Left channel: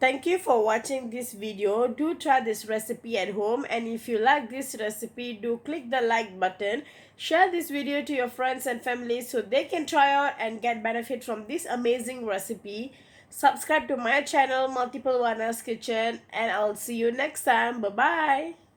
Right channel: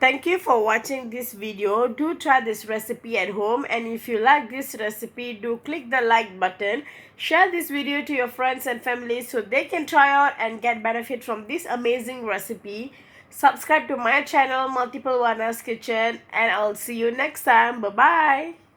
Thank you for watching this video. Do try this recipe at home, and if you like this recipe, do click the like button. Share this video to your friends and family so they can try out and get benefit from this amazing recipe. Subscribe to my channel Multiplewarnas Kitchen, and I'll see you next time. Bye bye.